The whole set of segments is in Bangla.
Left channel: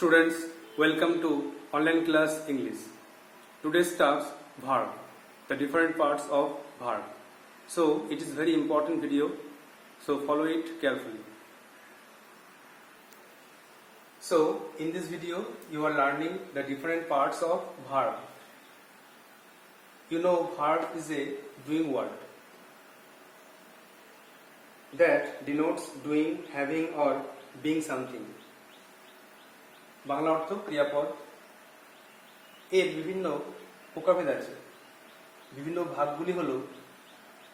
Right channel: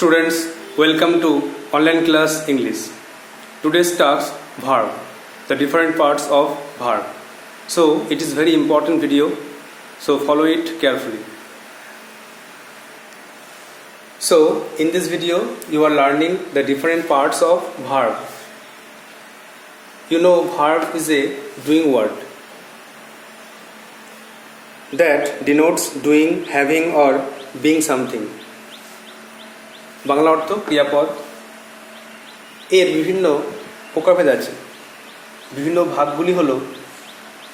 Students, welcome to online class English. Today's task verb, the different parts of verb. So it is very important video, so follow it carefully. So in this video you are learning the different parts of verb. You know verb is a doing word that denotes doing, having or being something. Bangla অর্থ ক্রিয়াপদ। এর বিভিন্ন প্রকারভেদ আছে। বিভিন্ন ভাগগুলি হলো,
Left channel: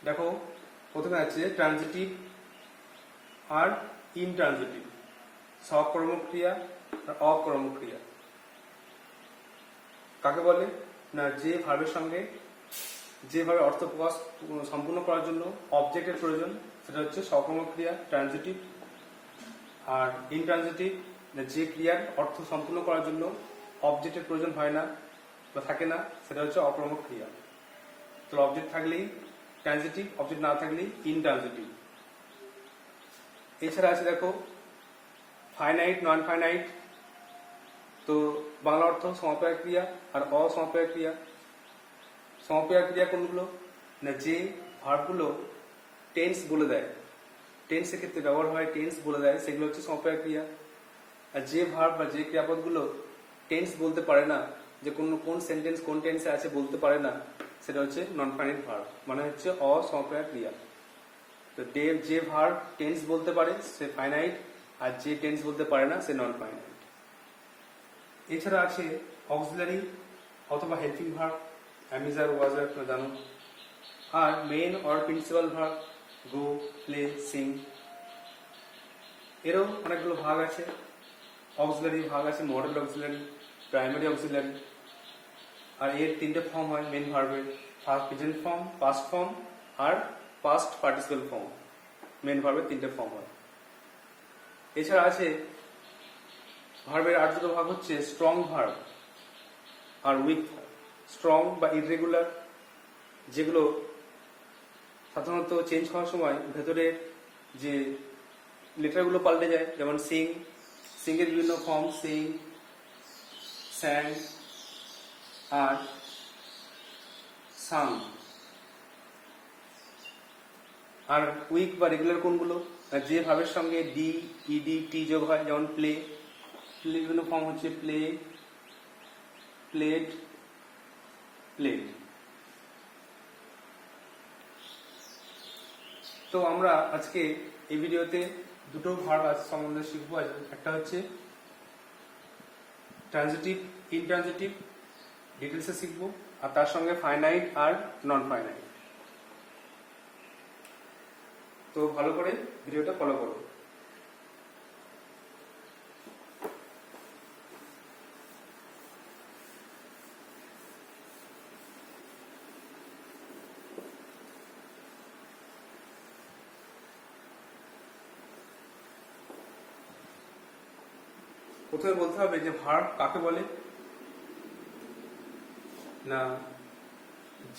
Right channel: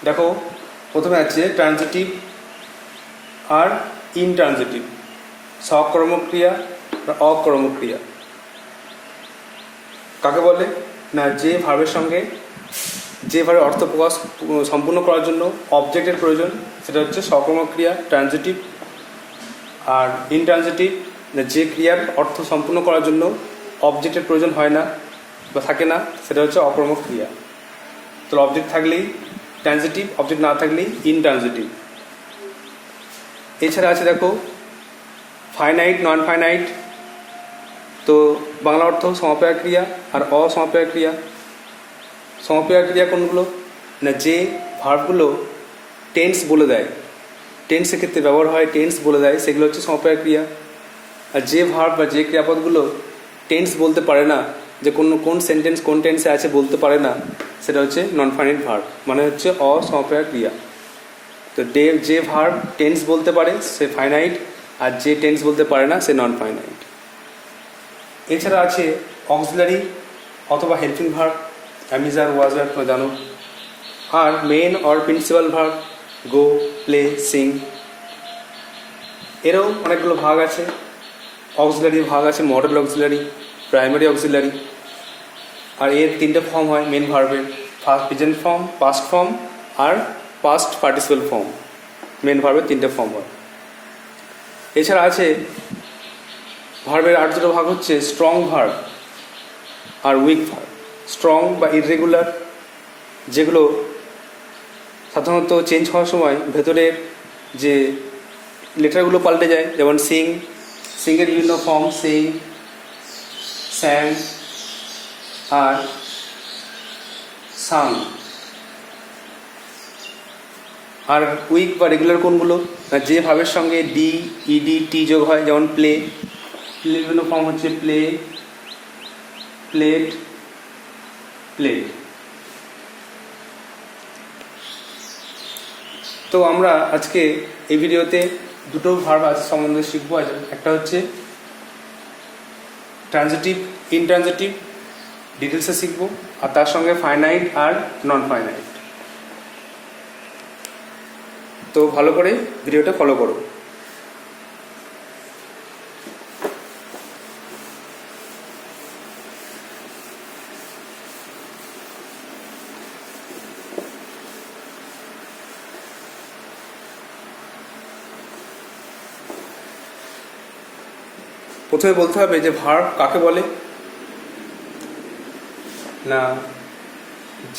দেখো প্রথমে আছে ট্রানজিটিভ আর ইনট্রানজিটিভ, সকর্মক্রিয়া বা অকর্মক্রিয়া। কাকে বলে না, যে ভার্বের সঙ্গে যে ভার্বের অর্থ প্রকাশ সম্পূর্ণ করার জন্য অবজেক্টের প্রয়োজন, সেটা হচ্ছে সকর্মক্রিয়া ট্রানজিটিভ। আর ইনট্রানজিটিভ, যে ক্রিয়ার অর্থ সম্পূর্ণ করার জন্য অবজেক্টের প্রয়োজন হয় না বা থাকে না, সেটা হচ্ছে অকর্মক ক্রিয়া। তো অবজেক্ট থাকলেই ট্রানজিটিভ, অবজেক্ট না থাকলেই ইনট্রানজিটিভ। এছাড়া আছে দেখো ফাইনাইট, নন ফাইনাইট। তো বাংলা অর্থ সমাপেক্ষক ক্রিয়া আর অসমাপেক্ষক ক্রিয়া। সমাপেক্ষক ক্রিয়া কোনগুলো না, যে ভার্বগুলো টেন্স বলে দেয়, টেন্সের ক্ষেত্রে ব্যবহার হয়, টেন্স বলে দেয়, সেগুলো হচ্ছে সমাপেক্ষক ক্রিয়া। আর যে ভার্ব বা যে ক্রিয়াপদগুলো টেন্স বলতে পারে না, যে কোন সেন্টেন্স কোন টেন্সে আছে বলতে পারে না, সেটা হচ্ছে নন ফাইনাইট ভার্ব, মানে হচ্ছে অসমাপেক্ষক ক্রিয়া। তো যে ভার্ব টেন্স বলতে পারে সে ফাইনাইট, আর যে টেন্স বলতে পারে না সে নন ফাইনাইট। এছাড়া আছে অক্সিলারি অথবা helping verb, am is are was আর তোমরা জানো। আর main or principal verb, go, play, sing. এরও অনেকগুলো ভাগ আছে। অক্সিলারি ভাগ আছে মডেল অক্সিলারি, প্রাইমারি অক্সিলারি। আর এর তিনটে ফর্ম হয় মেন ভার্বের, first present form, past form আর পাস্ট পার্টিসিপেল ফর্ম। মেন ভার্বের তিনটে ফর্ম হয়। এছাড়া আছে ভার্বের আর দুটো ভাগ হচ্ছে স্ট্রং ভার্ব আর উইক ভার্ব। স্ট্রং বা ইররেগুলার, যেগুলো সাধারণত চেঞ্জ হওয়ার সময় ভেতরের যে লেটারগুলো পাল্টে যায়, যেমন সিং, সিংয়ের বিভিন্ন ফর্ম, সিং, স্যাং আর সাং। আর উইক বা রেগুলার কোনগুলো, যে ভাবের সঙ্গে ডি, ইডি, টি যোগ হয়, যেমন প্লে। প্লে বিভিন্ন ফর্ম হচ্ছে প্লে, প্লেড, প্লেড। তো আমরা আজকে এই ভিডিওতে দুটো ভার্ব আছে সম্বন্ধে শিখবো। একটা হচ্ছে ট্রানজিটিভ, ইনট্রানজিটিভ, ডিটেলসে শিখবো। আর তার সঙ্গে ফাইনাইট আর নন ফাইনাইট। তো ভালো করে ভিডিওটা ফলো করো। প্রথমে বলতে হবে যে ভার্ব কাকে বলে না,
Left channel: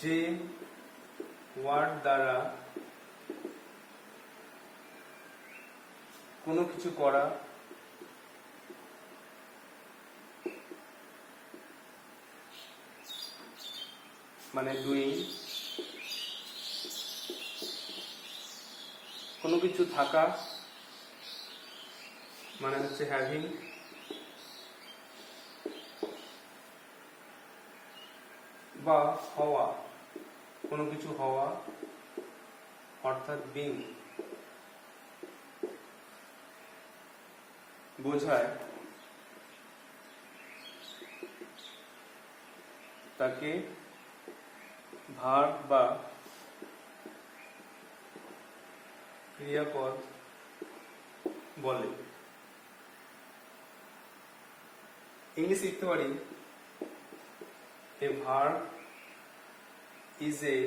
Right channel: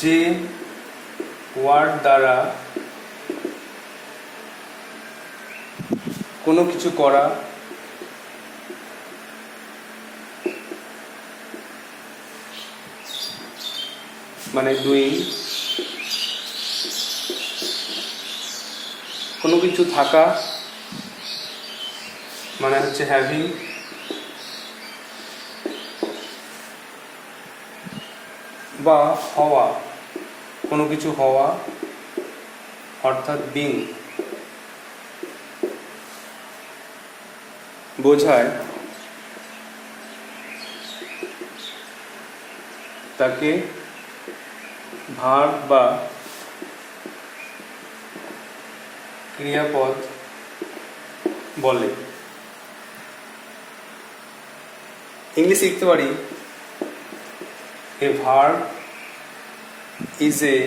যে ওয়ার্ড দ্বারা কোনো কিছু করা, মানে ডুইং, কোনো কিছু থাকা মানে হচ্ছে হ্যাভিং, বা হওয়া, কোনো কিছু হওয়া অর্থাৎ বিং বোঝায়, তাকে ভার্ব বা ক্রিয়াপদ বলে। ইংলিশ লিখতে পারি, a verb is a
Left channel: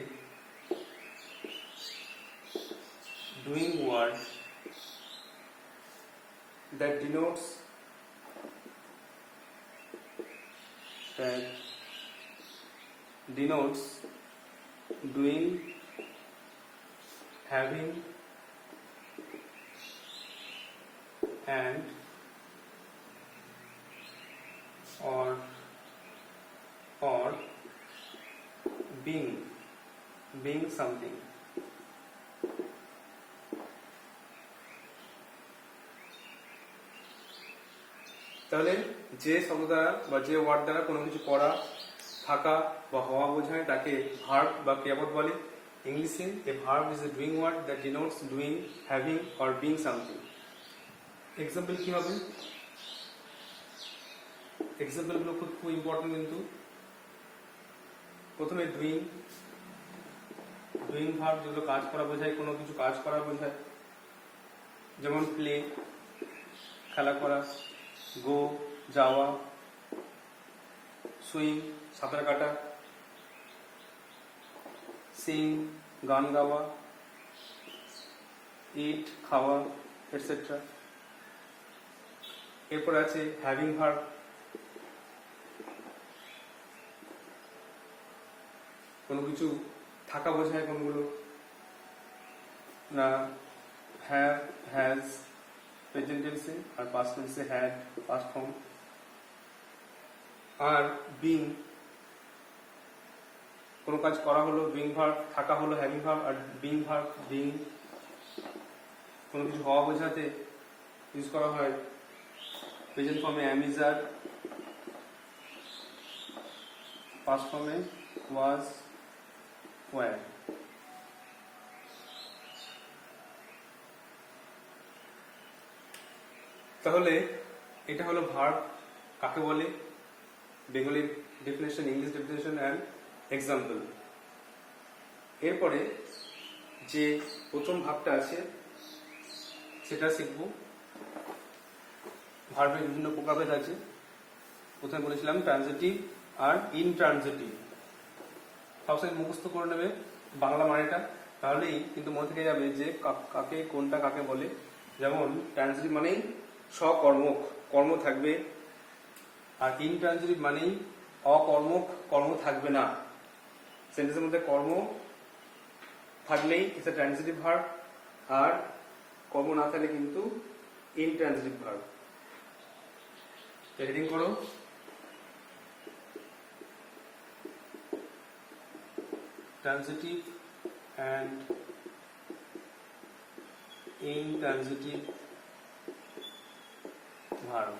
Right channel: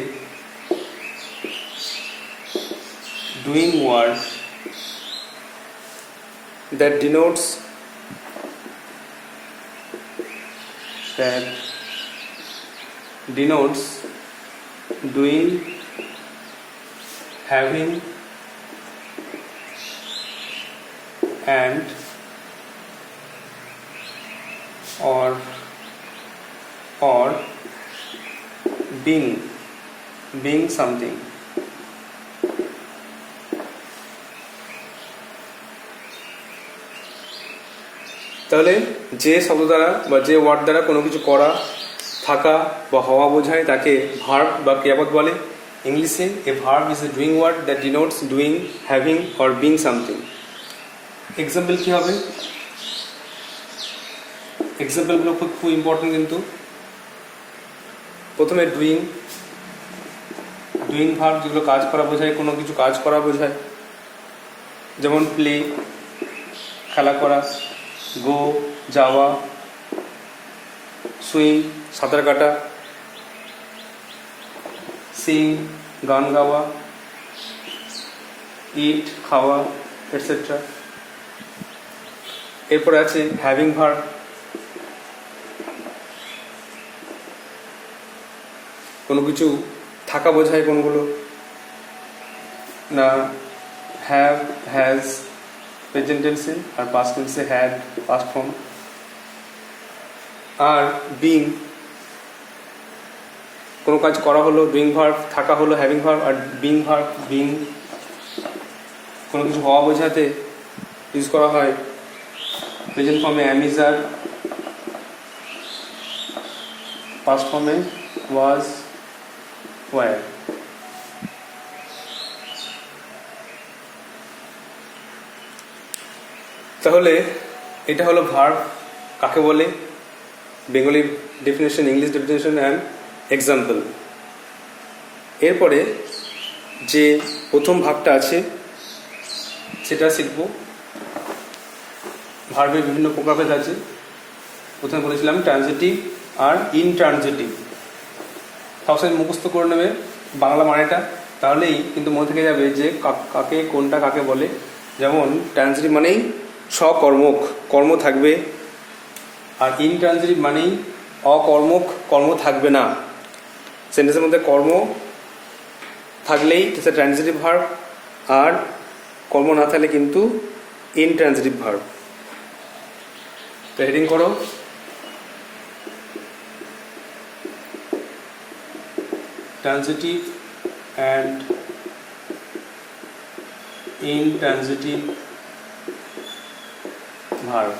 doing word that denotes doing, having and or being something. তাহলে যে শব্দ দ্বারা বা যে ওয়ার্ড দ্বারা কোনো কিছু করা, থাকা বা হওয়া বোঝায় তাকে ভার্ব বা ক্রিয়াপদ বলে। ইংলিশে a verb is a doing word that denotes doing, having or being something. Example কী হবে? এক্সাম্পলগুলো খুব ইম্পর্টেন্ট কিন্তু। প্রথমে ডুইং ভার্ব, যেগুলো কাজ করা বোঝায়, কোনো কিছু কাজ করা বোঝায়, যেমন প্লে খেলা করা, গো যাওয়া, সুইম সাঁতার কাটা, সিং গান গাওয়া, ইট খাওয়া, এটসেট্রা। এরপর আছে হ্যাভিং ভার্ব, কোনো কিছু থাকা বোঝায় কোনগুলো না, হ্যাভ, হ্যাজ প্রেজেন্ট টেন্সে, আর পাস্ট টেন্সে হ্যাড পাস্ট ফর্ম। আর বিং, কোনো কাজ করা হলো ডুইং ভার্ব, থাকা হলো হ্যাভিং ভার্ব, আর বিং ভার্ব, বিং কোনো কিছু হওয়া বোঝাতে ইউজ করা হয় প্রেজেন্ট ফর্মে অ্যাম, ইজ, আর, পাস্ট ফর্মে ওয়াজ, ওয়ার। তাহলে এটা হলো ভার্ব কাকে বলে, Bengali definition, English definition and example. এরপরে যে প্রথম ভাগটা আছে সেটা শিখব। ভার্বের বিভিন্ন প্রকারভেদ আছে। প্রথমে বলেছিলাম ট্রানজিটিভ আর ইনট্রানজিটিভ। সবসময় মুখস্থ করে নেবে বাংলা মানেটা, তাহলেই কিন্তু মনে থেকে যাবে যে কাকে কোনটা কাকে বলে। যেমন ট্রানজিটিভ মানেই সকর্মক, কর্ম থাকবে, আর ইনট্রানজিটিভ মানেই অকর্মক, কর্ম থাকবে না। সেন্টেন্সের মধ্যে কর্ম থাকলেই সেটা ট্রানজিটিভ ভার্ব, আর কর্ম না থাকলে কিন্তু ইনট্রানজিটিভ ভার্ব। তো হেডিং করো, ট্রানজিটিভ অ্যান্ড ইনট্রানজিটিভ ভার্ব।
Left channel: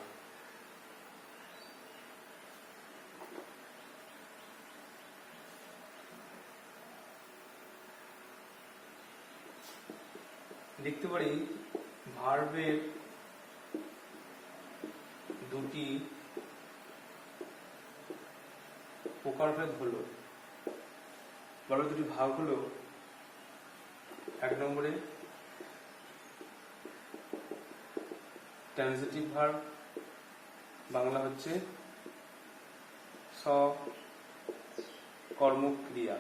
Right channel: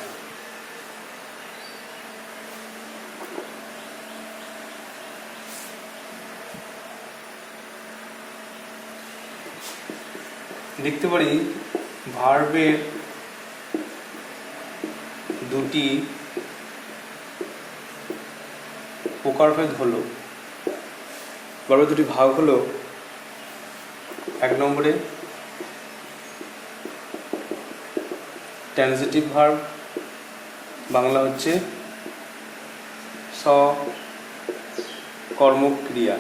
দেখতে পারি ভার্বের দুটি প্রকারভেদ হলো, ভার্বের দুটি ভাগ হলো। এক নম্বরে ট্রানজিটিভ ভার্ব, বাংলা হচ্ছে সকর্মক্রিয়া,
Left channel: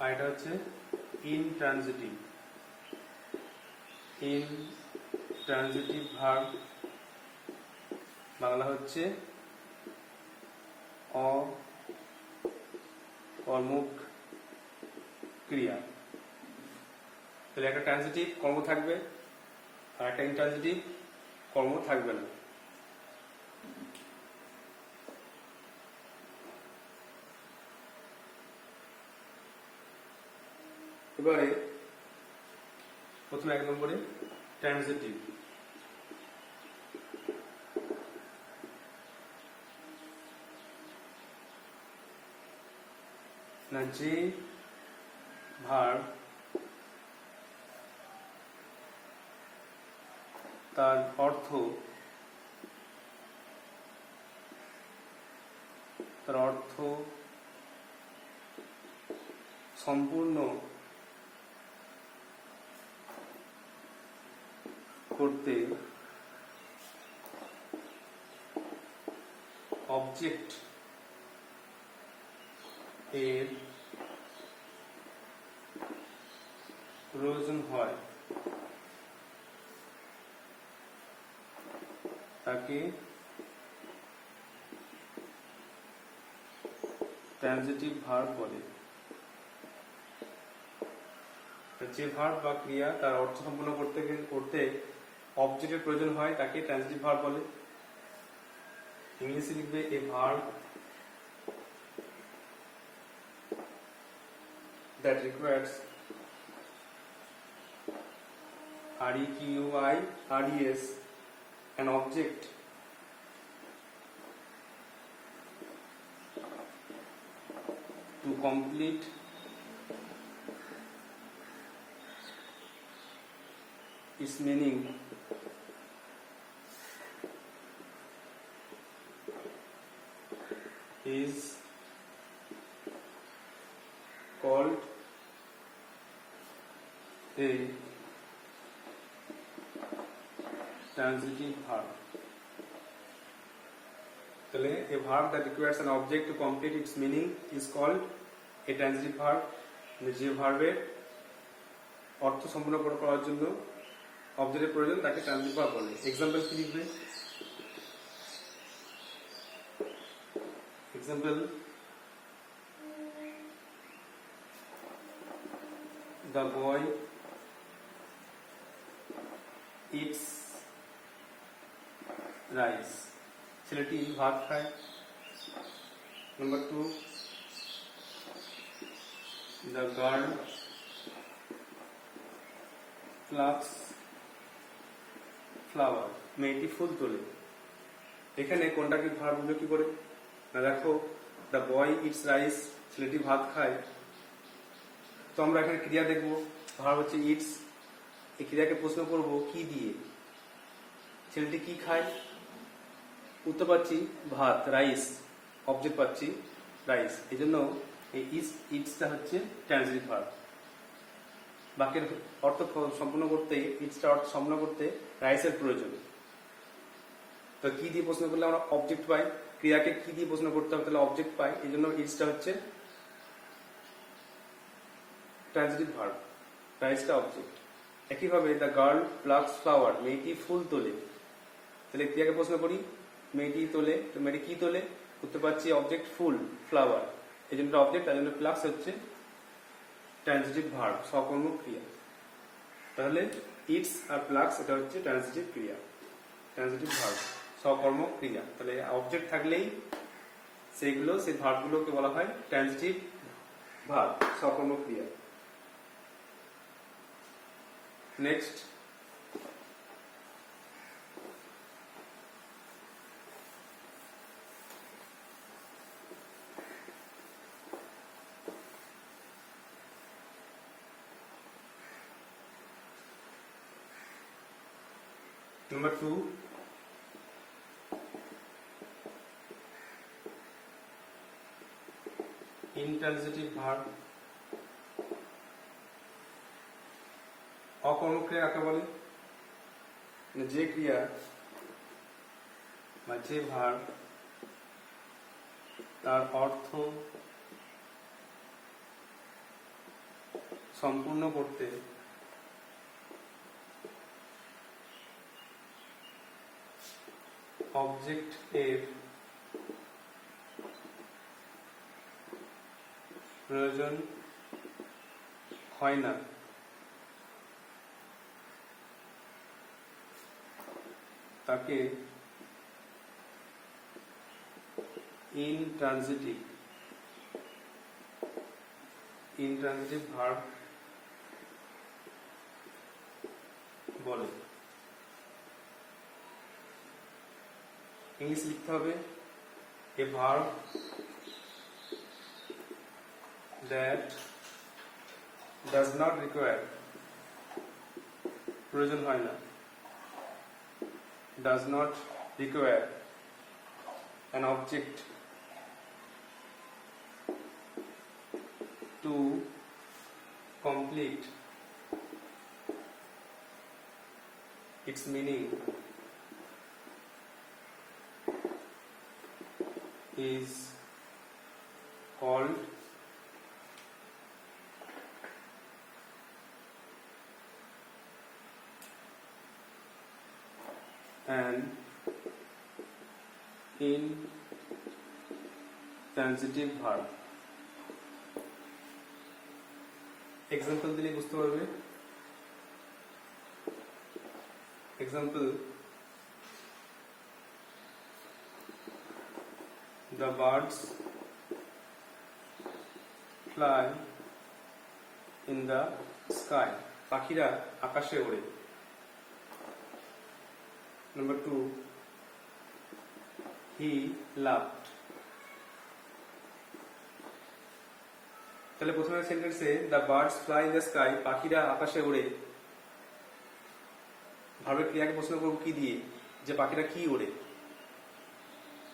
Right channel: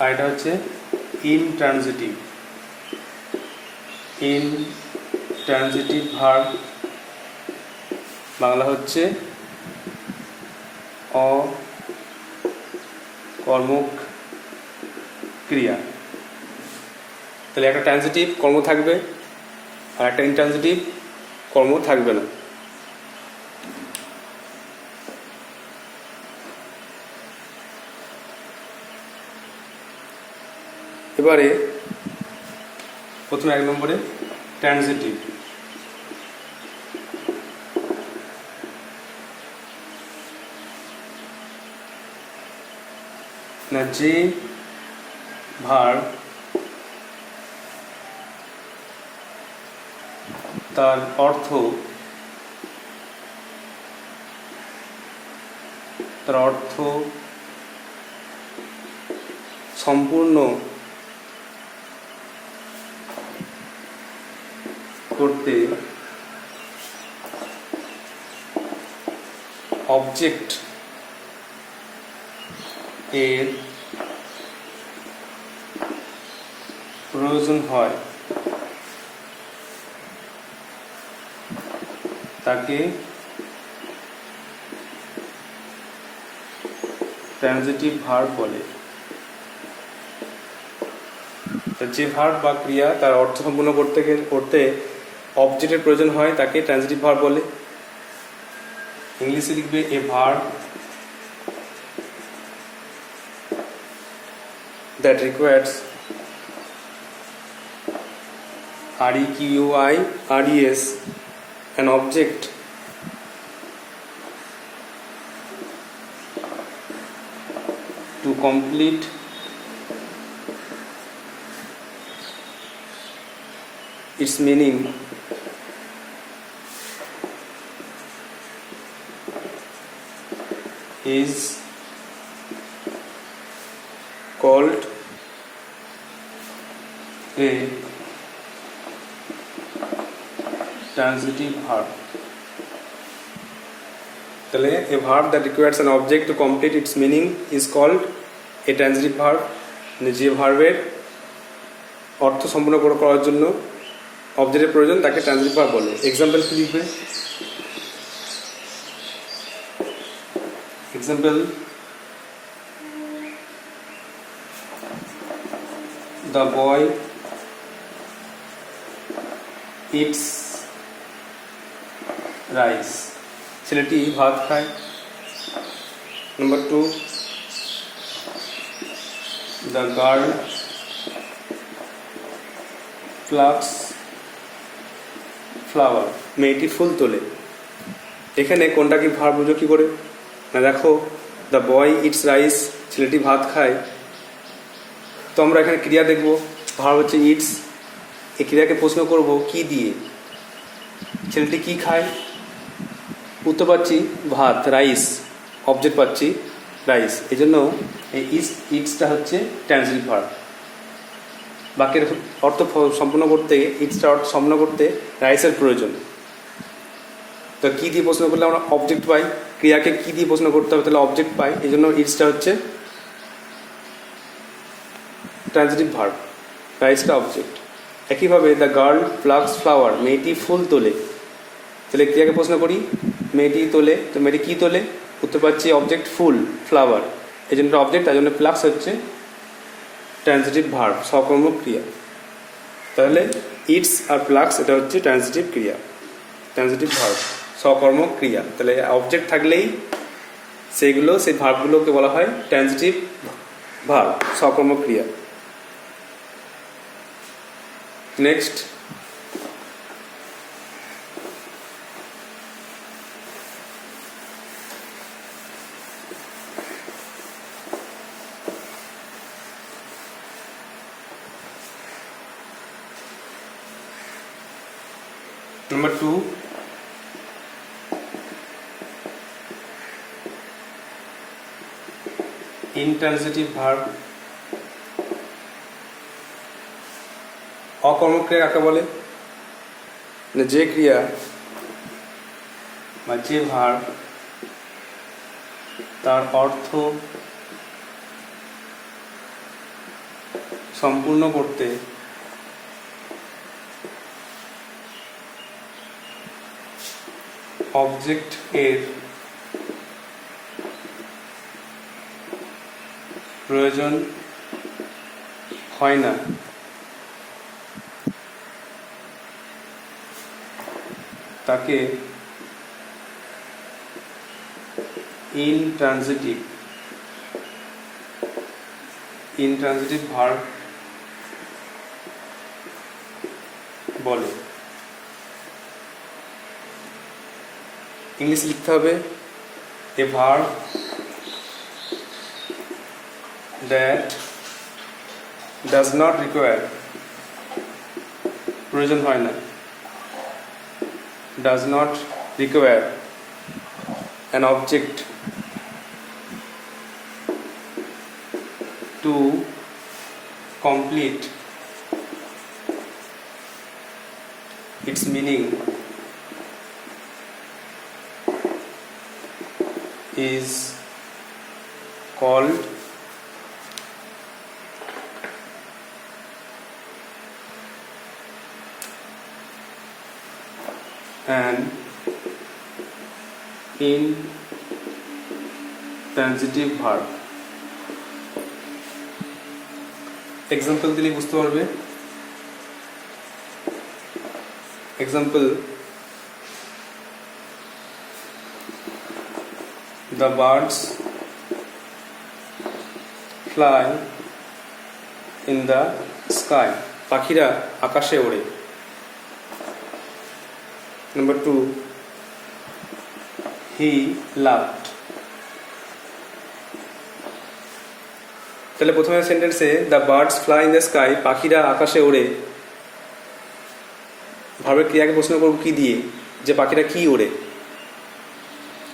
আর এটা হচ্ছে ইনট্রানজিটিভ ভার্ব, বাংলা হচ্ছে অকর্মক ক্রিয়া। তাহলে একটা ট্রানজিটিভ কর্ম থাকবে আর একটা ইনট্রানজিটিভ কর্ম থাকবে না। এবারে প্রথমে এক নম্বরে ট্রানজিটিভ। না, যে ভার্ব তার অর্থ সম্পূর্ণ করতে অবজেক্ট এর প্রয়োজন হয় তাকে ট্রানজিটিভ ভার্ব বলে। যে ভার্ব বা ক্রিয়া তার অর্থ সম্পূর্ণ করতে অবজেক্টের প্রয়োজন হয় তাকে ট্রানজিটিভ ভার্ব বলে। इंग्लिशे लिखबे ए verb that requires requires an object to complete its meaning is called a transitive verb. তাহলে a verb that requires an object to complete its meaning is called a transitive verb. যে ভার্বের অর্থ সম্পূর্ণ করার জন্য অবজেক্টের প্রয়োজন তাকে ট্রান্সিটিভ ভার্ব বলে। এক্সাম্পল কি লিখবে? Example, the boy eats rice. ছেলেটি ভাত খায়। Number 2, the girl plucks flower. মেয়েটি ফুল তোলে। এখানে কোনটা কি ভার্ব বুঝো কি করে? না দেখো, the boy eats rice, ছেলেটি ভাত খায়। তো আমরা এখানে ক্রিয়া দেখব, ভার্ব হচ্ছে ইটস। এই ক্রিয়াকে প্রশ্ন করব কি দিয়ে? ছেলেটি কি খায়? উত্তর পাচ্ছি ভাত, রাইস। অবজেক্ট পাচ্ছি রাইস, এই জন্য এই ইটসটা হচ্ছে ট্রান্সিটিভ ভার্ব। বাক্যের অর্থ সম্পূর্ণ করতে, ইটসটা অর্থ সম্পূর্ণ করতে রাইসের প্রয়োজন। তো কী দিয়ে প্রশ্ন করলে আমরা অবজেক্ট পাই, ক্রিয়াকে কী দিয়ে প্রশ্ন করতে হবে তাহলে অবজেক্ট পাই, এই জন্য ইটসটা হচ্ছে ট্রান্সিটিভ ভার্ব, রাইসটা অবজেক্ট। একইভাবে দ্য গার্ল প্লাক্স ফ্লাওয়ার, মেয়েটি ফুল তোলে। তাহলে ক্রিয়াকে প্রশ্ন করি, মেয়েটি তোলে, তো মেয়েটি কী তোলে? উত্তর পাচ্ছি অবজেক্ট ফুল, ফ্লাওয়ার, এই জন্য অবজেক্ট, তাই জন্য প্লাক্স হচ্ছে ট্রান্সিটিভ ভার্ব, সকর্মক ক্রিয়া। তাহলে ইটস আর প্লাক্স এটা হচ্ছে ট্রান্সিটিভ ক্রিয়া, ট্রান্সিটিভ ভার্ব, সকর্মক ক্রিয়া। তাহলে অবজেক্ট থাকলেই সেই ভার্বগুলোকে বলা হয় ট্রান্সিটিভ ভার্ব, সকর্মক ক্রিয়া। Next, Number 2, intransitive verb। অকর্মক ক্রিয়া কাকে বলে? যে ক্রিয়া বা যে ভার্ব তার অর্থ সম্পূর্ণ করতে অবজেক্ট এর প্রয়োজন হয় না, তাকে ইনট্রানজিটিভ ভার্ব বলে। इंग्लिश लिखते হবে a verb that does not require, প্রয়োজন হয় না, does not require an object to complete its meaning is called an intransitive verb। Example दिले बुझते पारबे। Example, the birds fly in the sky. পাখিরা আকাশে ওড়ে। Number 2, he laughed. তাহলে প্রথমে সেন্টেন্সে the birds fly in the sky, পাখিরা আকাশে ওড়ে, ভার্বের ক্রিয়াকে প্রশ্ন করব কি দিয়ে, যে পাখিরা কি ওড়ে,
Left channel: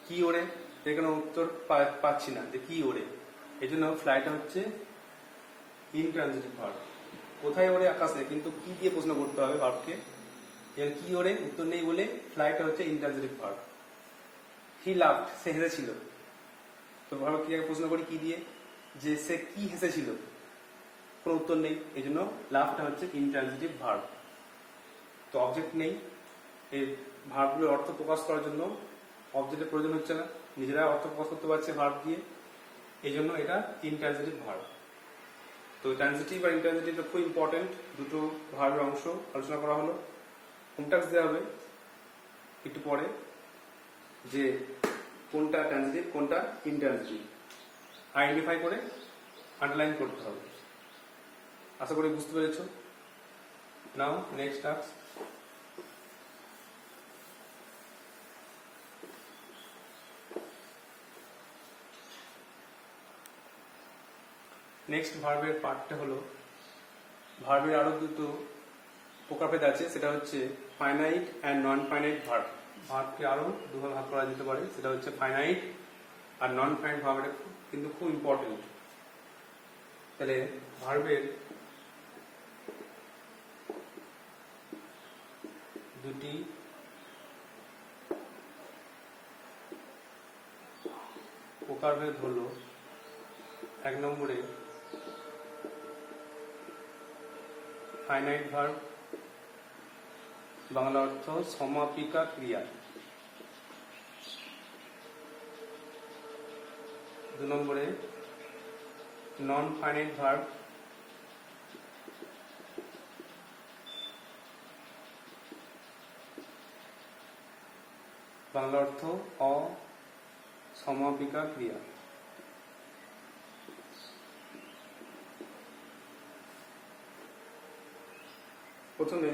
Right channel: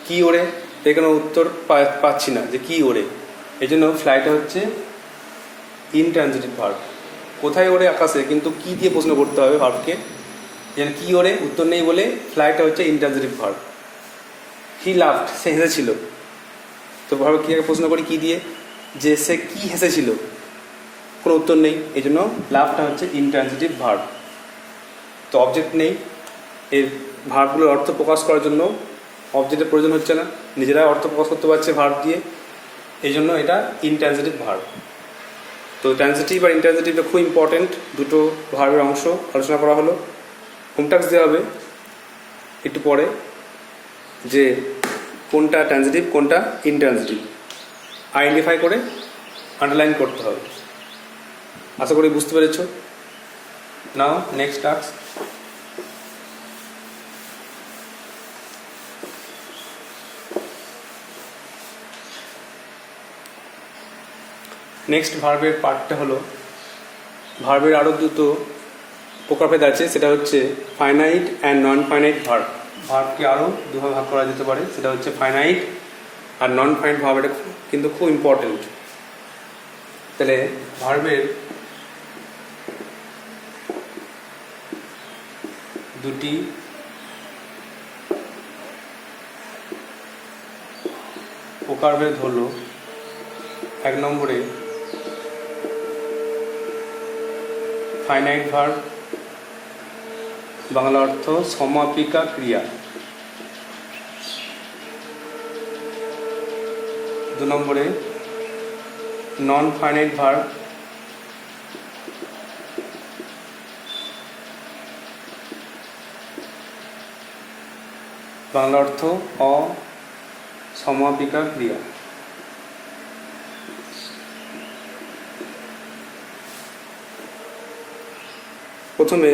কি ওড়ে, এখানে উত্তর পাচ্ছি না যে কি ওড়ে, এই জন্য ফ্লাইটা হচ্ছে ইনট্রানজিটিভ ভার্ব। কোথায় ওড়ে আকাশে, কিন্তু কি দিয়ে প্রশ্ন করতে হবে ভার্বকে, যেন কি ওড়ে উত্তর নেই বলে ফ্লাইটা হচ্ছে ইনট্রানজিটিভ ভার্ব। হি লাফড, সে হেসেছিল, তো ভার্বের ক্রিয়াকে প্রশ্ন করি কি দিয়ে, যে সে কি হেসেছিল, কোনো উত্তর নেই, এই জন্য লাভটা হচ্ছে ইনট্রানজিটিভ ভার্ব। তো অবজেক্ট নেই, এই ভার্বগুলোর অর্থ প্রকাশ করার জন্য অবজেক্টের প্রয়োজন হচ্ছে না, নিজেরা অর্থ প্রকাশ করতে পারছে ভার্ব দিয়ে, এই জন্য এটা ইনট্রানজিটিভ ভার্ব। তো ট্রানজিটিভ আর ইনট্রানজিটিভটা খুব ইম্পর্টেন্ট, দুটো ভার্বের অংশ আলোচনা করা হলো। হোমটাস্ক দেওয়া হবে একটু পরে, যে কোনটা ট্রানজিটিভ কোনটা ইনট্রানজিটিভ আইডেন্টিফাই করে আন্ডারলাইন করতে হবে। আশা করি বুঝতে পেরেছ। নাও নেক্সট টাস্ক। নেক্সট ভার্বের পার্টটা হলো, ভার্বের আরও দুটো প্রকারভেদ আছে, সেটা হচ্ছে finite and non finite verb. ভার্বকে আরও দুভাবে ভাগ করা যেতে পারে, সেটা হচ্ছে ফাইনাইট আর নন ফাইনাইট ভার্ব। এটা কিন্তু খুব ইম্পর্টেন্ট। তাহলে ভার্বের দুটি প্রকারভেদ হলো, 1 নম্বরে ফাইনাইট ভার্ব, বাংলা অর্থ সমাপিকা ক্রিয়া। 2 নম্বরে নন ফাইনাইট ভার্ব, বাংলা অর্থ অসমাপিকা ক্রিয়া। প্রথমে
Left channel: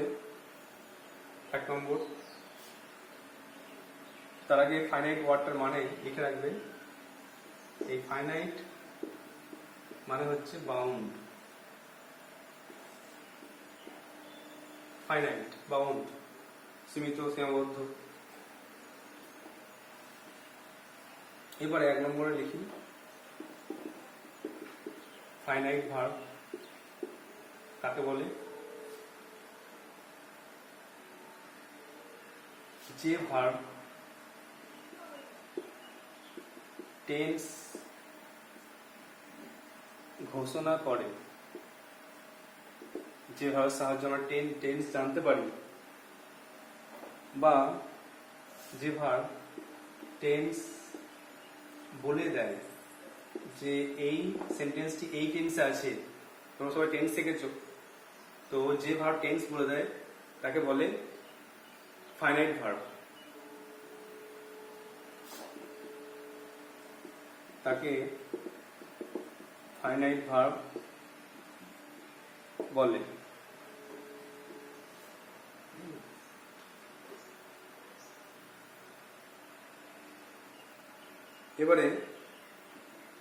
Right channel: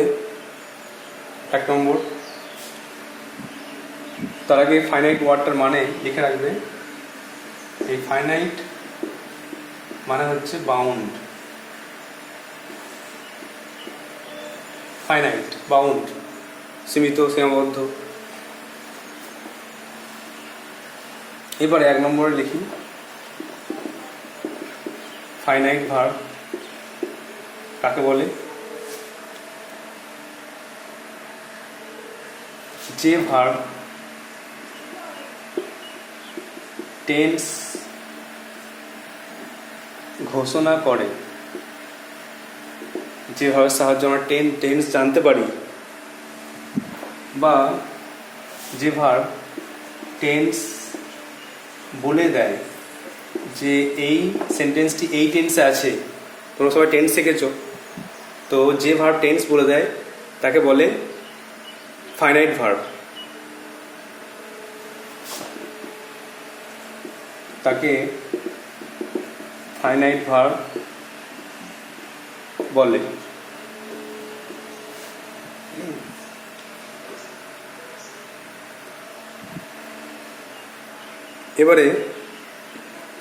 1 নম্বর, তার আগে ফাইনাইট ওয়ার্ডটার মানে লিখে রাখবে। এই ফাইনাইট মানে হচ্ছে বাউন্ড, ফাইনাইট বাউন্ড, সীমিত সীমাবদ্ধ। এবারে 1 নম্বরে লিখি ফাইনাইট ভার্ব কাকে বলে, যে ভার্ব টেন্স ঘোষণা করে, যে ভার্বের সাহায্যে আমরা টেন্স জানতে পারি, বা যে ভার্ব টেন্স বলে দেয় যে এই সেন্টেন্সটি এই টেন্সে আছে। তোমরা সবাই টেন্স শিখেছো, তো যে ভার্ব টেন্স বলে দেয় তাকে বলে ফাইনাইট ভার্ব। তাকে ফাইনাইট ভার্ব বলে। এবারে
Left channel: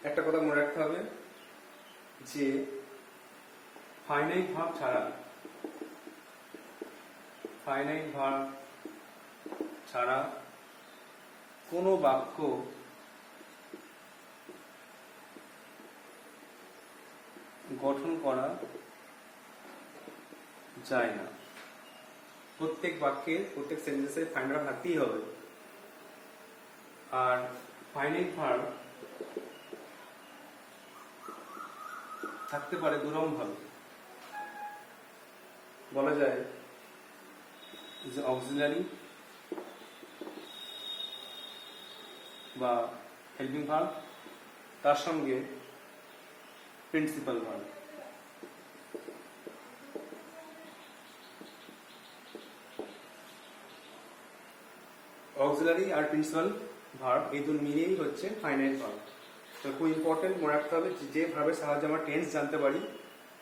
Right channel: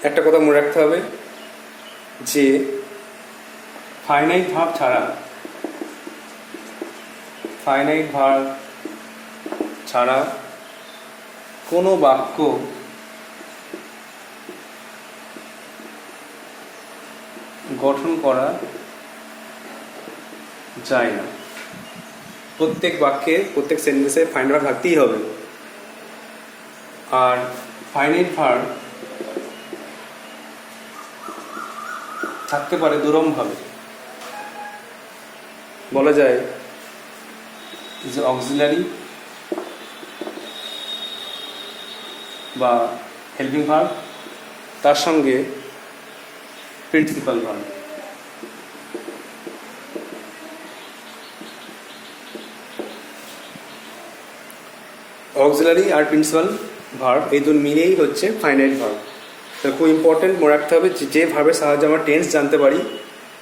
একটা কথা মনে রাখতে হবে যে ফাইনাইট ভার্ব ছাড়া কোনো বাক্য গঠন করা যায় না। প্রত্যেক বাক্যে প্রত্যেক সেন্টেন্সে ফাইনাইট ভার্ব থাকতেই হবে। আর ফাইনাইট ভার্ব থাকতে পারে দুরকমভাবে। বলা যায় যে অক্সিলারি বা হেল্পিং ভার্ব, তার সঙ্গে প্রিন্সিপাল ভার্ব। অক্সিলারি আর প্রিন্সিপাল ভার্ব, এই দুটো মিলেই হচ্ছে ফাইনাইট ভার্ব। তো খুব ইম্পর্টেন্ট মনে রাখতে হবে যে ভার্বের সাহায্যে আমরা টেন্স জানতে পারি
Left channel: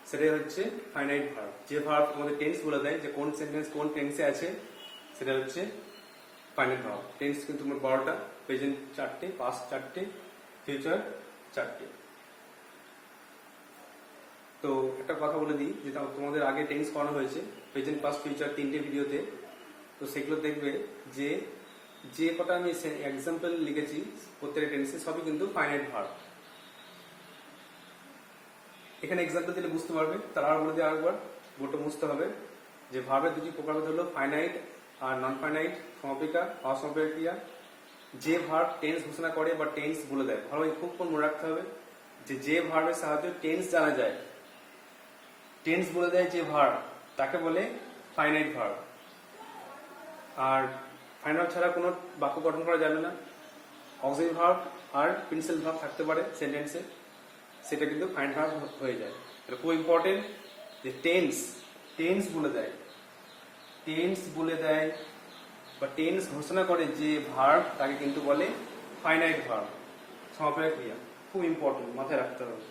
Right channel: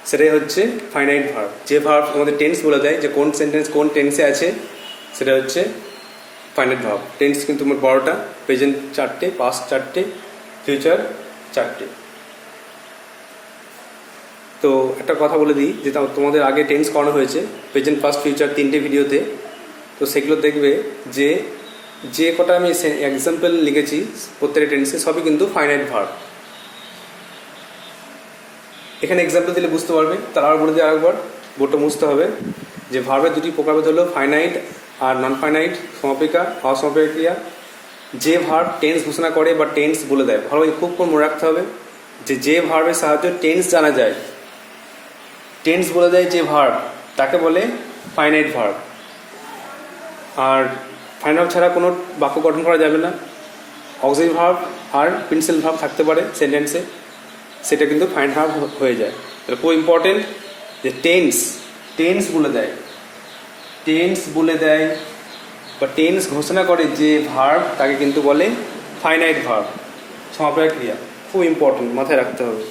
সেটাই হচ্ছে ফাইনাইট ভার্ব। যে ভার্ব আমাদের টেন্স বলে দেয় যে কোন সেন্টেন্স কোন টেন্সে আছে সেটা হচ্ছে ফাইনাইট ভার্ব। টেন্স কিন্তু মোট 12টা, প্রেজেন্ট 4টে, পাস্ট 4টে, ফিউচার 4টে। তো একটা কথা বলে দিই যে তোমাদের আগে টেন্স করানো হয়েছে প্রেজেন্ট, পাস্ট, ফিউচার 3টে ভিডিওতে। তো সেগুলো দেখবে যে যে কটা আমি এক্সাম্পল লিখেছি প্রত্যেকটা টেন্সে সবই কিন্তু ফাইনাইট ভার্ব। এখানে এক্সাম্পল দিলে বুঝতে পারবে। তার আর বলে দিয়ে আরেকবার বোর্ডটা মুছতে হবে যে ভার্বের দুটি প্রকারভেদ হলো ফাইনাইট আর নন ফাইনাইট, সমাপিকা, অসমাপিকা ক্রিয়া। যে ভার্ব টেন্স ঘোষণা করে বা টেন্স বলে দেয়, ভালোভাবে খুব মনে রাখতে হবে যে ভার্বের সাহায্যে টেন্স জানা যায়, টেন্স বলে দেয় যে ভার্ব তাকে বলে ফাইনাইট ভার্ব। আর ফাইনাইট ছাড়া কোনো বাক্য গঠন করা যাবে না। অক্সিলারি ভার্ব আর প্রিন্সিপাল ভার্ব থাকতে পারে সেন্টেন্সে, সেটা কিন্তু ফাইনাইট ভার্ব হয়ে যায়। তাহলে খুব ইম্পর্টেন্ট যে টেন্স বলে দেয়, টেন্স বলে দেয় বা টেন্স ঘোষণা করে যে ভার্ব তাকে কিন্তু বলে ফাইনাইট ভার্ব, সমাপিকা ক্রিয়া। খুব ইম্পর্টেন্ট, মাথায় রাখতে হবে।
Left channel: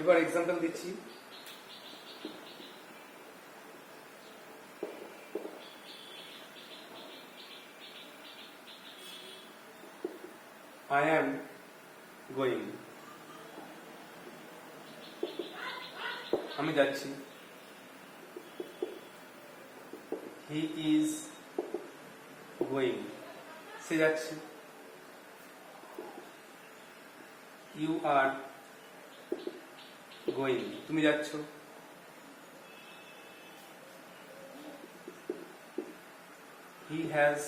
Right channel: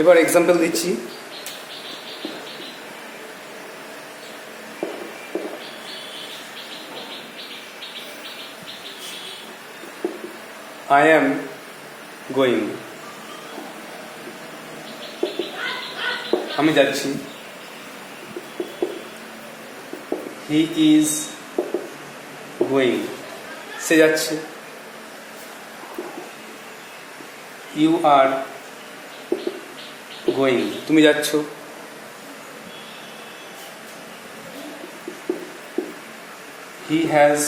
এবার এক্সাম্পল দিচ্ছি। I am going, আমি যাচ্ছি। He is going, সে যাচ্ছে। You are going, তুমি যাচ্ছ। He has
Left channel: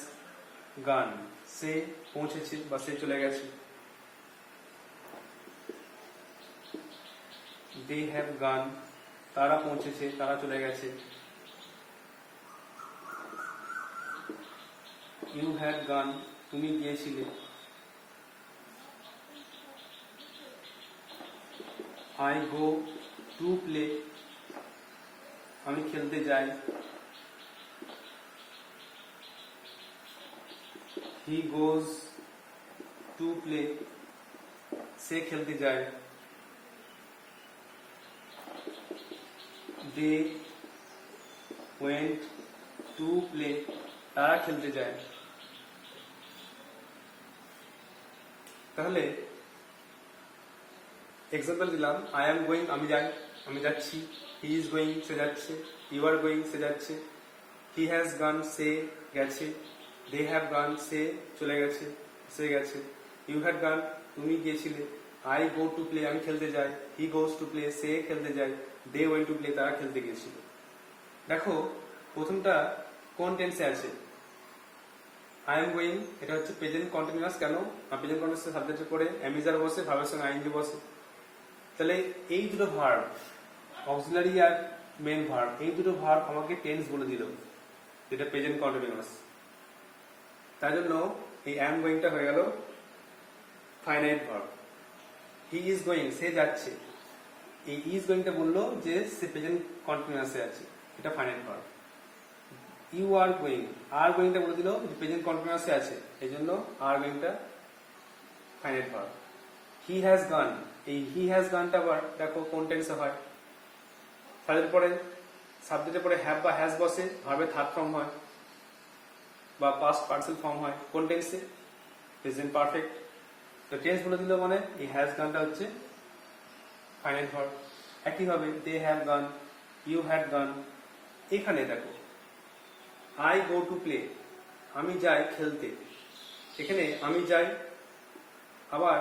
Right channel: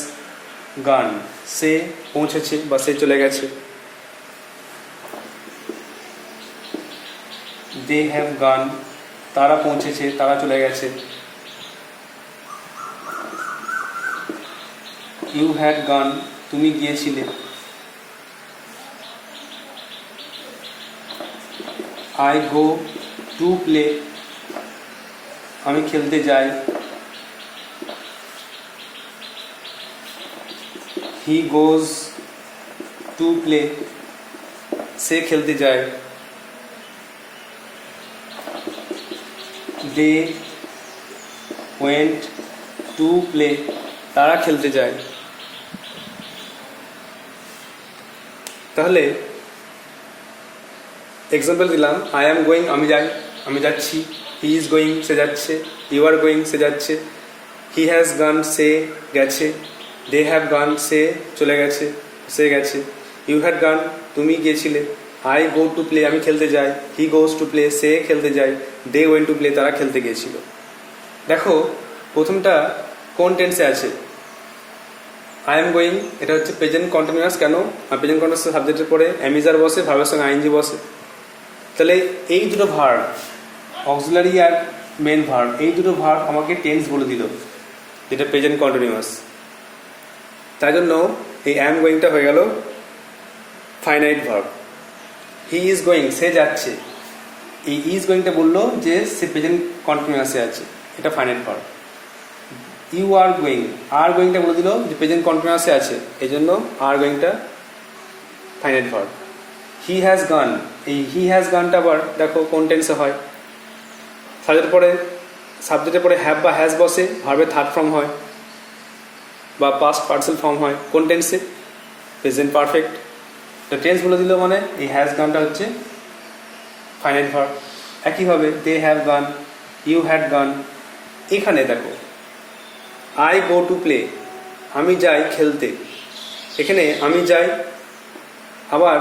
gone, সে পৌঁছেছে বা সে চলে গেছে। They have gone, তারা পৌঁছেছে, তারা চলে গেছে। You had gone, তুমি গিয়েছিলে। I go to play, আমি খেলতে যাই। He goes to play, সে খেলতে যায়। They went to play, তারা খেলতে যায়। তাহলে এক্সাম্পল দিলাম, আই অ্যাম গোয়িং, আমি যাই, আমি যাচ্ছি। হি ইজ গোয়িং, সে যাচ্ছে। ইউ আর গোয়িং, সে যাচ্ছে। হি হ্যাজ গান, সে গেছে। দে হ্যাভ গান, সে চলে গেছে, সে গেছে। ইউ হ্যাড গান, তুমি গিয়েছিলে। আই গো টু প্লে, আমি খেলতে যাই। হি গোজ টু প্লে, সে খেলতে যায়। দে ওয়েন টু প্লে, তারা খেলতে গিয়েছিল। দেখো প্রথমটা কোন টেন্সে আছে? আই এম গোয়িং, এটা হচ্ছে প্রেজেন্ট কন্টিনিউয়াস। কেন? আর প্রেজেন্ট কন্টিনিউয়াস সাবজেক্টের পরে অ্যামিজার বসে, ভার্বের সঙ্গে আইএনজি বসে। তাহলে এই দুটো ভার্ব, অক্সিলারি আর মেন ভার্ব, এই দুটো ভার্ব আমাকে টেন্স বলে দিল, যেটা প্রেজেন্ট কন্টিনিউয়াস। তাই জন্য এই অ্যাম গোয়িংটা হয়ে গেল finite verb. He is going, সে যাচ্ছে। এই ইজ গোয়িংটা বললো যে সে প্রেজেন্ট কন্টিনিউয়াসে আছে, এটা finite verb. You are going, are গোয়িংটা বলে দিল যে প্রেজেন্ট কন্টিনিউয়াসে আছে, এই জন্য আর গোয়িংটা finite verb. He has gone, এই হি হ্যাজ গানটা আবার দেখো কোন টেন্সে হয়। সাবজেক্টের পরে হ্যাভ বা হ্যাজ বসে, ভার্বের থার্ড ফর্ম হয় বা পাস্ট পার্সেল ফর্ম হয়। কোন টেন্সে? Present perfect. টেন্স বলে দিল মানে এই হ্যাজ গানটা হচ্ছে ফাইনাইট ভার্ব। একইভাবে they have gone, you had gone. এখানে দেখো আই গো টু প্লে, আমি যাই খেলতে। এখানে আমি যাই আবার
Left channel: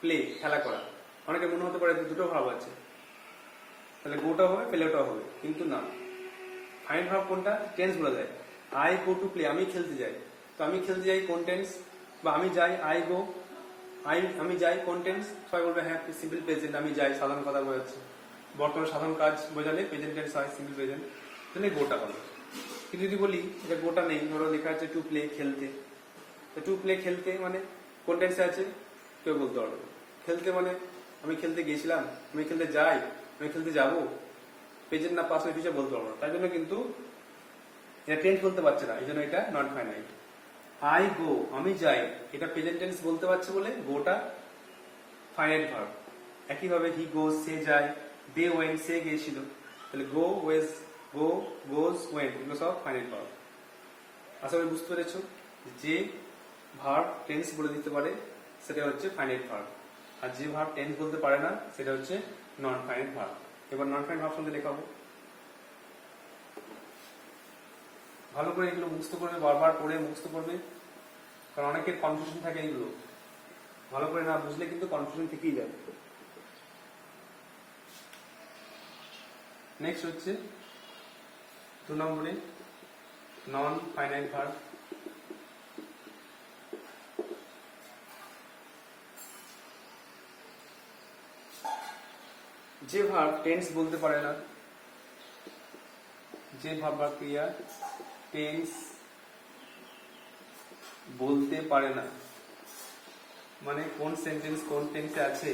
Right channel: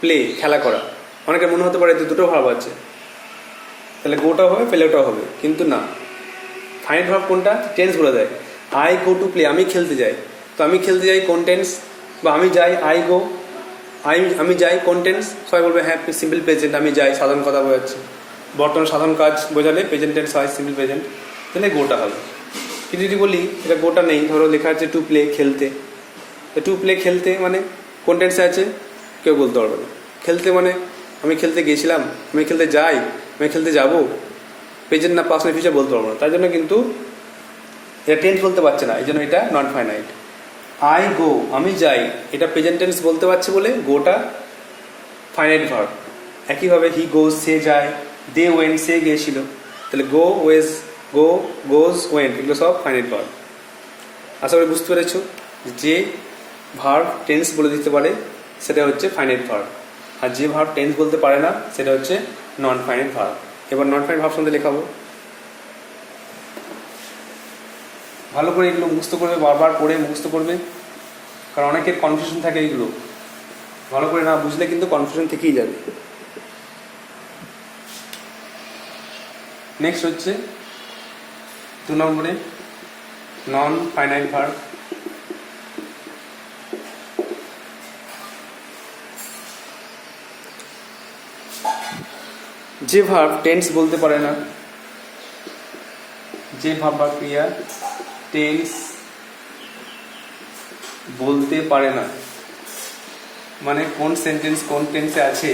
প্লে, খেলা করা। অনেকের মনে হতে পারে যে দুটো ভার্ব আছে, তাহলে গোটাও হবে প্লেটাও হবে, কিন্তু না। ফাইনাইট ভার্ব কোনটা? টেন্স বলে দেয়। আই গো টু প্লে, আমি খেলতে যাই। তো আমি খেলতে যাই কোন টেন্স? বা আমি যাই, আই গো, আমি যাই কোন টেন্স? সবাই বলবে হ্যাঁ সিম্পল প্রেজেন্ট, আমি যাই, সাধারণ কথা বোঝাচ্ছে। বর্তমান সাধারণ কাজ বোঝালে প্রেজেন্ট টেন্স হয় সিম্পল প্রেজেন্ট, তাহলে গোটা হবে। কিন্তু যদি বলি এটা গোটা নেই, ধরো লেখা আছে টু প্লে, খেলতে। টু প্লে খেলতে মানে কোন টেন্সে আছে কেউ বলতে পারবে না। খেলতে মানে আমি খেলতে গেছিলাম, আমি খেলতে যাই, আমি খেলতে যাব, প্রেজেন্ট না পাস্ট না ফিউচার বলতে পারবো না, তার জন্য কিন্তু এটা টেন্স বলতে পারছে না, এই জন্য এটা নন ফাইনাইট। আই গো, আমি যাই, এটা প্রেজেন্ট টেন্স বলতে পারছে বলে গোটা ফাইনাইট ভার্ব। একইভাবে হি গোজ, সে যায়, দে ওয়েন্ট, সে গিয়েছিল, তাহলে গো, ওয়েজ, গো, গোজ, ওয়েন্ট, এগুলো সব ফাইনাইট ভার্ব। আশা করি বুঝতে পেরেছো, যে ভার্ব টেন্স বলে দিতে পারে সেটা হচ্ছে ফাইনাইট ভার্ব, আর যে ভার্ব টেন্স বলতে পারে না সেটা হচ্ছে নন ফাইনাইট ভার্ব। এবার নন ফাইনাইট ভার্ব সম্বন্ধে লেখাবো। ভালো করে এগুলো মুখস্থ করবে, বারবার পড়ে মুখস্থ করবে, কারণ অনেকের কনফিউশন থাকে, এগুলো ভালো করে না বুঝলে কিন্তু কনফিউশন থেকেই যাবে। নেক্সট হচ্ছে 2 নম্বরে নন ফাইনাইট ভার্ব। যে ভার্ব টেন্স বলতে পারে না, যে ভার্ব বা ক্রিয়া টেন্স বলতে পারে না, মানে কোন সেন্টেন্স কোন টেন্সে আছে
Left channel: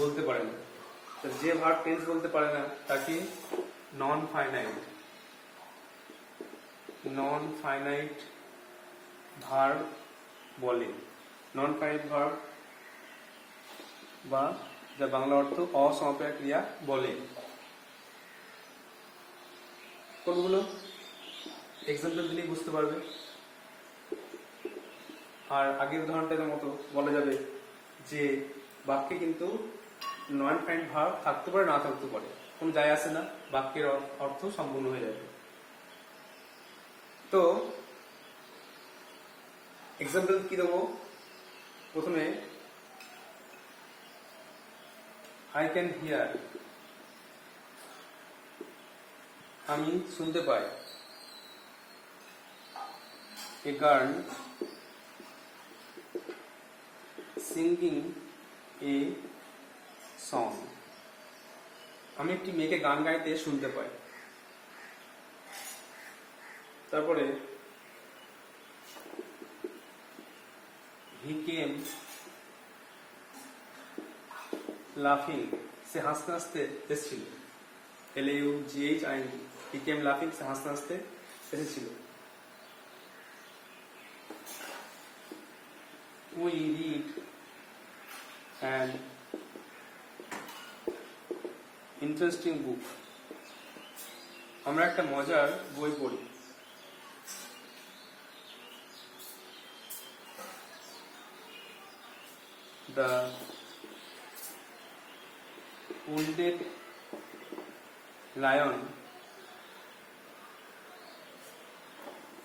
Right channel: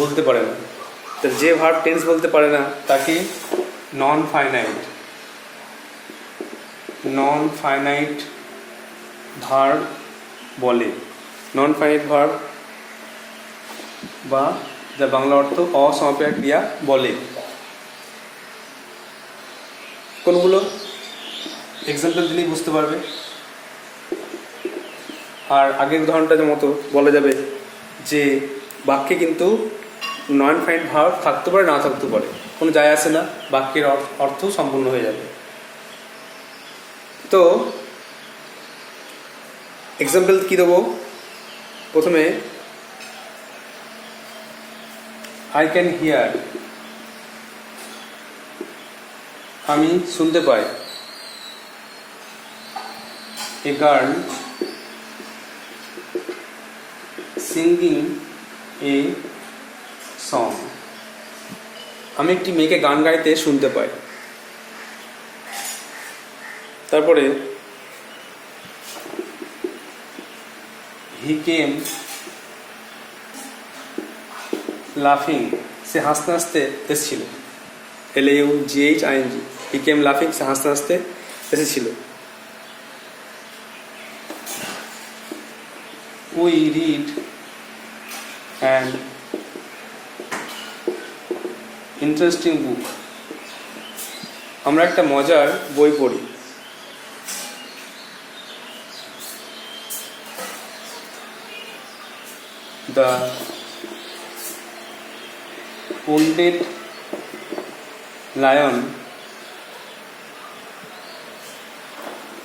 বলতে পারে না, তো যে ভার্ব টেন্স বলতে পারে না তাকে নন ফাইনাইট ভার্ব বলে। নন ফাইনাইট ভার্ব বা যা বাংলা অর্থ অসমাপিকা ক্রিয়া বলে। কোনগুলো এক্সাম্পল দিলেই বুঝতে পারবে। আর আগের উদাহরণটার মতো বলা যাবে যে বাক্যে কিন্তু নন ফাইনাইট ভার্ব থাকতে পারে, না থাকতে পারে, কোনো যায় আসে না, বাক্যের অর্থ সম্পূর্ণ হয়ে যাবে। তো এক্সাম্পল কী দেবো? প্রথমে আই ক্যান হিয়ার, আমি শুনতে পাই। A girl singing a song, আমি একটি মেয়েকে গান গাইতে শুনতে পাই। তারপরে হি কেম লাফিং, সে হাসতে হাসতে এসেছিল। LAUGHING, হি কেম লাফিং, সে হাসতে হাসতে এসেছিল। উই রিড অ্যান ইন্টারেস্টিং বুক, আমরা একটা মজার বই পড়ি। The wounded lion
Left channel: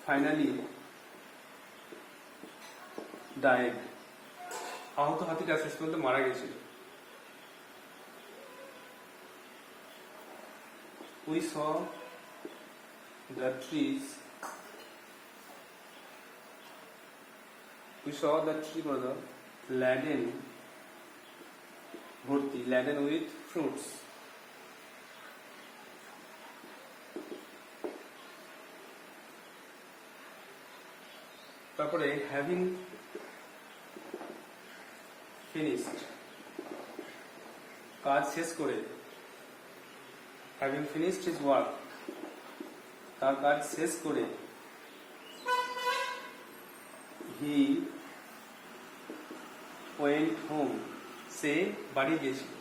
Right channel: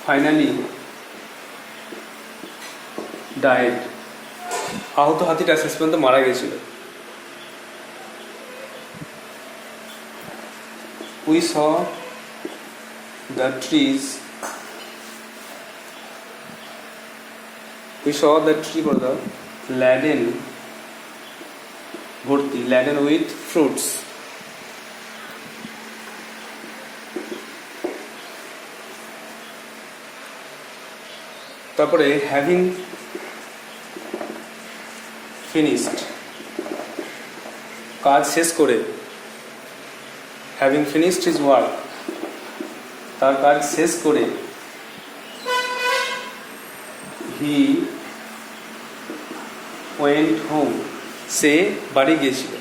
finally died, আহত হাতিটা শেষ পর্যন্ত মারা গেছিল। We saw the trees, we saw the tree for the laden ভর্তি, laden with fruits। তারপরে হ্যাভিং ফিনিশড, কাজ শেষ করে। হ্যাভিং ফিনিশড হিজ ওয়ার্ক, তার কাজ শেষ করে। হি ওয়েন্ট হোম, সে বাড়ি গিয়েছিল।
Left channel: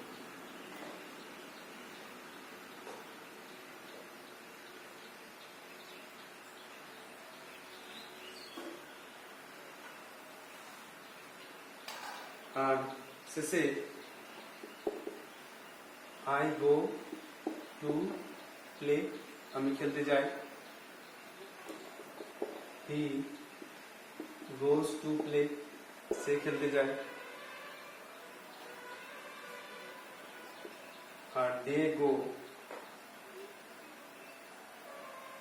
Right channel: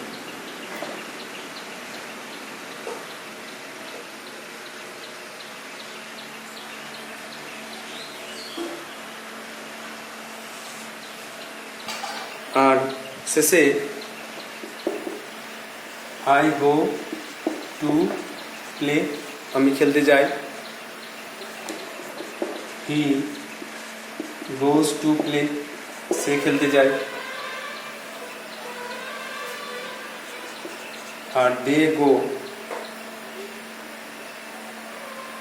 আর শেষে আই গো টু প্লে, আমি খেলতে যাই। হি গোজ টু প্লে, সে খেলতে যায়। আর দে গো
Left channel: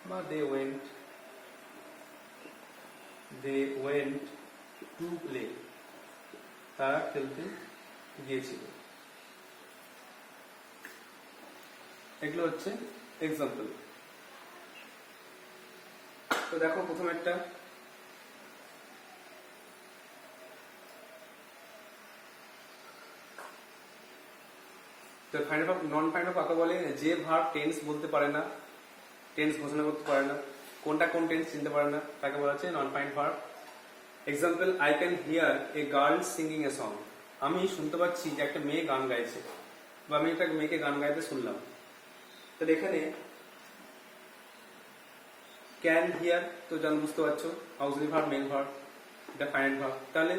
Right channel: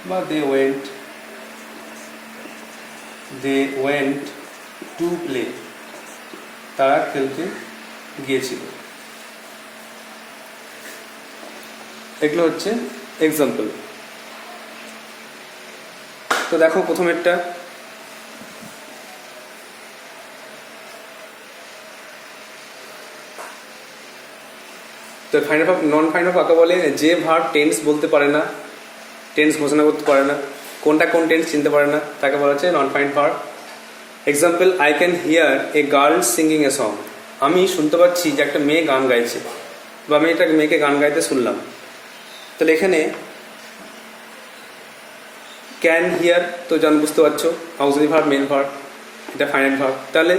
বা দে ওয়েন্ট টু প্লে, তারা খেলতে গিয়েছিল। এগুলো হচ্ছে এক্সাম্পল। তো দেখো প্রথমেরটা, তো ফাইনাল ভার্ব নন ফাইনাল কাকে বলে? যে ভার্ব টেন্স বলতে পারে না, টেন্স ঘোষণা করতে পারে না, কোনটা কোন টেন্স চিনতে পারে না, তাকে বলা হচ্ছে non final verb. Example, I can hear a girl singing a song. আমি শুনতে পাচ্ছি যে একটা মেয়ে গান গাইছে, বা আমি একটা মেয়েকে গান গাইতে শুনলাম। তাহলে এখানে ক্যান হিয়ার তো বুঝতে পারছো অক্সিলারি ভার্ব, মেন ভার্ব, এটা ফাইনাল ভার্ব। তাহলে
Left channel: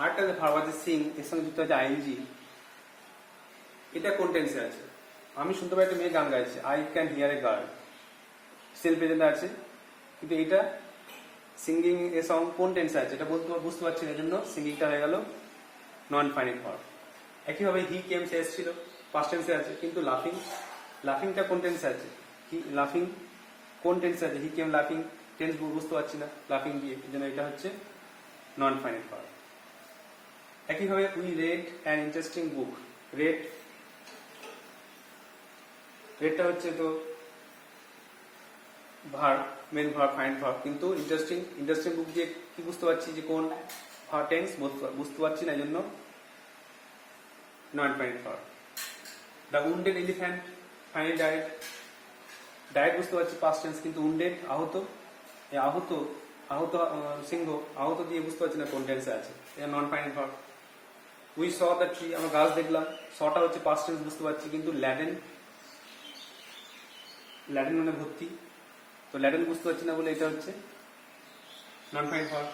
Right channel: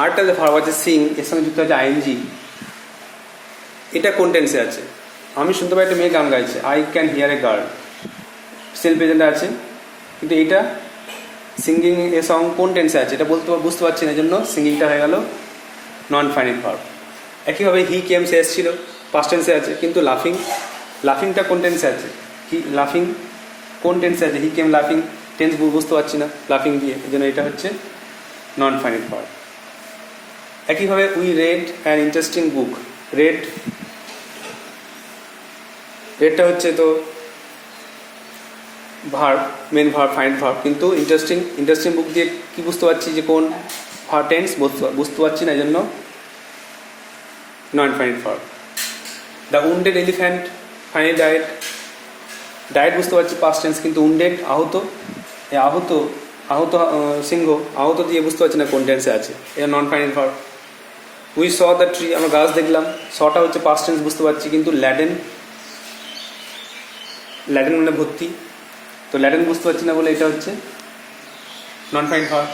আরেকটা যে ভার্ব আছে সিং, এর সঙ্গে যুক্ত আছে আইএনজি, এটা কোন টেন্সে আছে? আমি শুনতে পাই একটা মেয়ে গান গাইছে, I can hear a girl, সেলফ প্রেজেন্টে আছে, কিন্তু এটা সিঙ্গিং এ সং কোন টেন্সে আছে এটা বুঝতে পারছি না, জন্য সিঙ্গিংটা হয়ে গেল নন ফাইনাল ভার্ব। একইভাবে হি কেম সে এসেছিল, পাস্ট টেন্সে আছে, কিন্তু লাফিংটা কোন টেন্সে আছে? লাফিং কোন টেন্সে আছে? হি কেম লাফিং, টেন্স বুঝতে পারছি না লাফিং দিয়ে, এই জন্য এটা হচ্ছে নন ফাইনাল ভার্ব। একইভাবে we read an interesting book, রেডটা হচ্ছে তো verb, main verb, final verb, কিন্তু ইন্টারেস্টিং বুক দিয়ে কি বুঝতে পারছি যে কোন টেন্স বুঝতে পারছি না, এই জন্য নন final verb. The wounded elephant final diet বুঝতে পারছি পাস্ট টেন্স, কিন্তু উন্ডেড আহত সিংহ, আহত দিয়ে বুঝতে পারছি না কোন টেন্সে আছে, এটা non final verb. We saw the tree, আমরা গাছ দেখলাম, সটা হচ্ছে পাস্ট টেন্স বুঝতে পারছি, কিন্তু ল্যাডেন মানে ভর্তি, তো ল্যাডেন বুঝতে পারছি না বলে এটা হচ্ছে non final verb.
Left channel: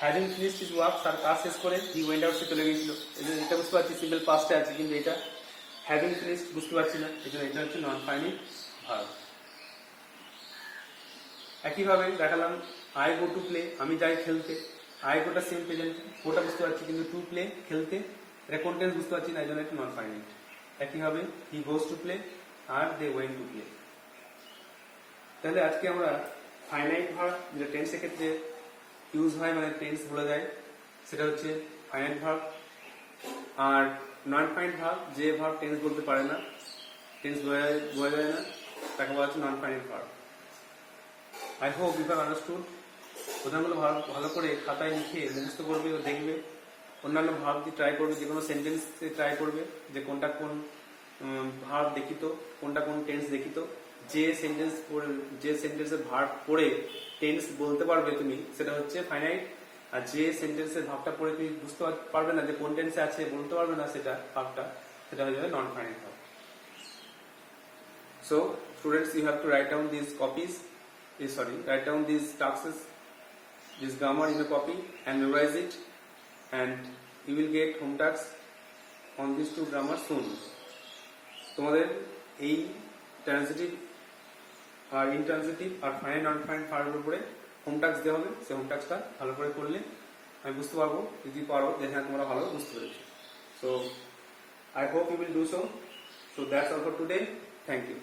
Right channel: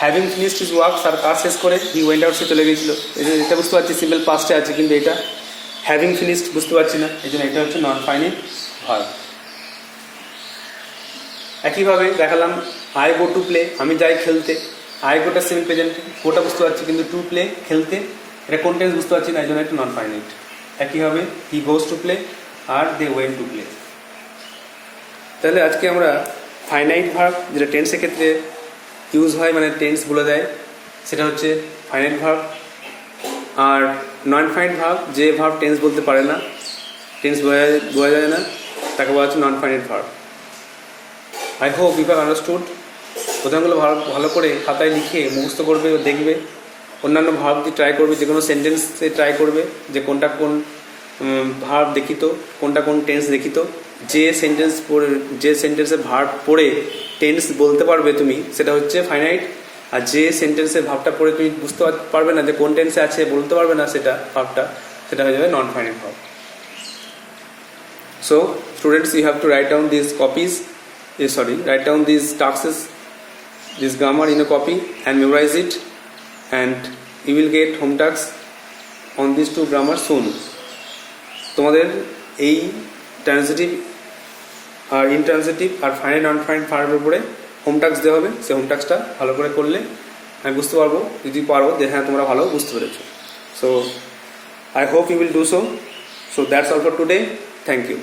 Having finished his work, তার কাজ শেষ করে হি ওয়েন্ট আউট, সে চলে গেছিল, এটা বুঝতে পারছি সিম্পল পাস্টে আছে, কিন্তু এটা হ্যাভিং ফিনিশড বুঝতে পারছি না, এই জন্য এটা হচ্ছে নন ফাইনাল ভার্ব। একইভাবে দেখালাম আই গো টু প্লে, আমি যাই খেলতে, আই গোটা সিম্পল প্রেজেন্ট, গোটা বুঝতে পারছি, কিন্তু টু প্লে খেলতে, এটা কোন টেন্স বুঝতে পারছি না, এই জন্য এটা নন ফাইনাল। একইভাবে হি গোজ টু প্লে আর দে ওয়েন্ট টু প্লে। তাহলে আজকে আমরা ফাইনাইট ভার্ব যেটা টেন্সের ক্ষেত্রে ইউজ হয়, মানে টেন্স বলে দেয়, সেটা হচ্ছে ফাইনাইট ভার্ব। আর নন ফাইনাইট ভার্ব যে ভার্ব টেন্স বলতে পারে না, টেন্স বোঝা যায় না, তাকে বলা হচ্ছে non finite verb. I hope you have understood. উদাহরণগুলো ভালো করে খাতায় লিখে মুখস্থ করবে ও দেখবে, অন্যান্য ভার্ব দিয়ে ট্রাই করবে, যে কোনো সেন্টেন্সে ট্রাই করবে যে কোনটা কোন ভার্ব দেখিত, কোনটা কোন টেন্স দেখিত। যে সেন্টেন্সে ভার্ব পড়ে টেন্স বলতে পারবে তুমি, সেটা হচ্ছে ফাইনাইট। আর যে সেন্টেন্সের ভাবটা পড়ে তুমি বুঝতে পারবে না যে কোন টেন্সে আছে, বলতে পারবে না সেটা ভাবটা, সেটা হয়ে যাবে নন finite verb. So students, you have to write down these tasks, this grammar in a copy and memorize it, and you will get home tasks on these two grammar soon. তোমাদের এই ট্রান্সিটিভ আর ইনট্রান্সিটিভ আর ফাইনাইট নন ফাইনাইট ভার্বের উপরে হোম টাস্ক দেওয়া হবে, সেই হোম টাস্কটা ভালো করে করলে আমি বুঝতে পারবো, যদি পারবো যে হ্যাঁ তোমরা ভালো বুঝতে পেরেছো। So I hope you will do so that's all for today. Thank you.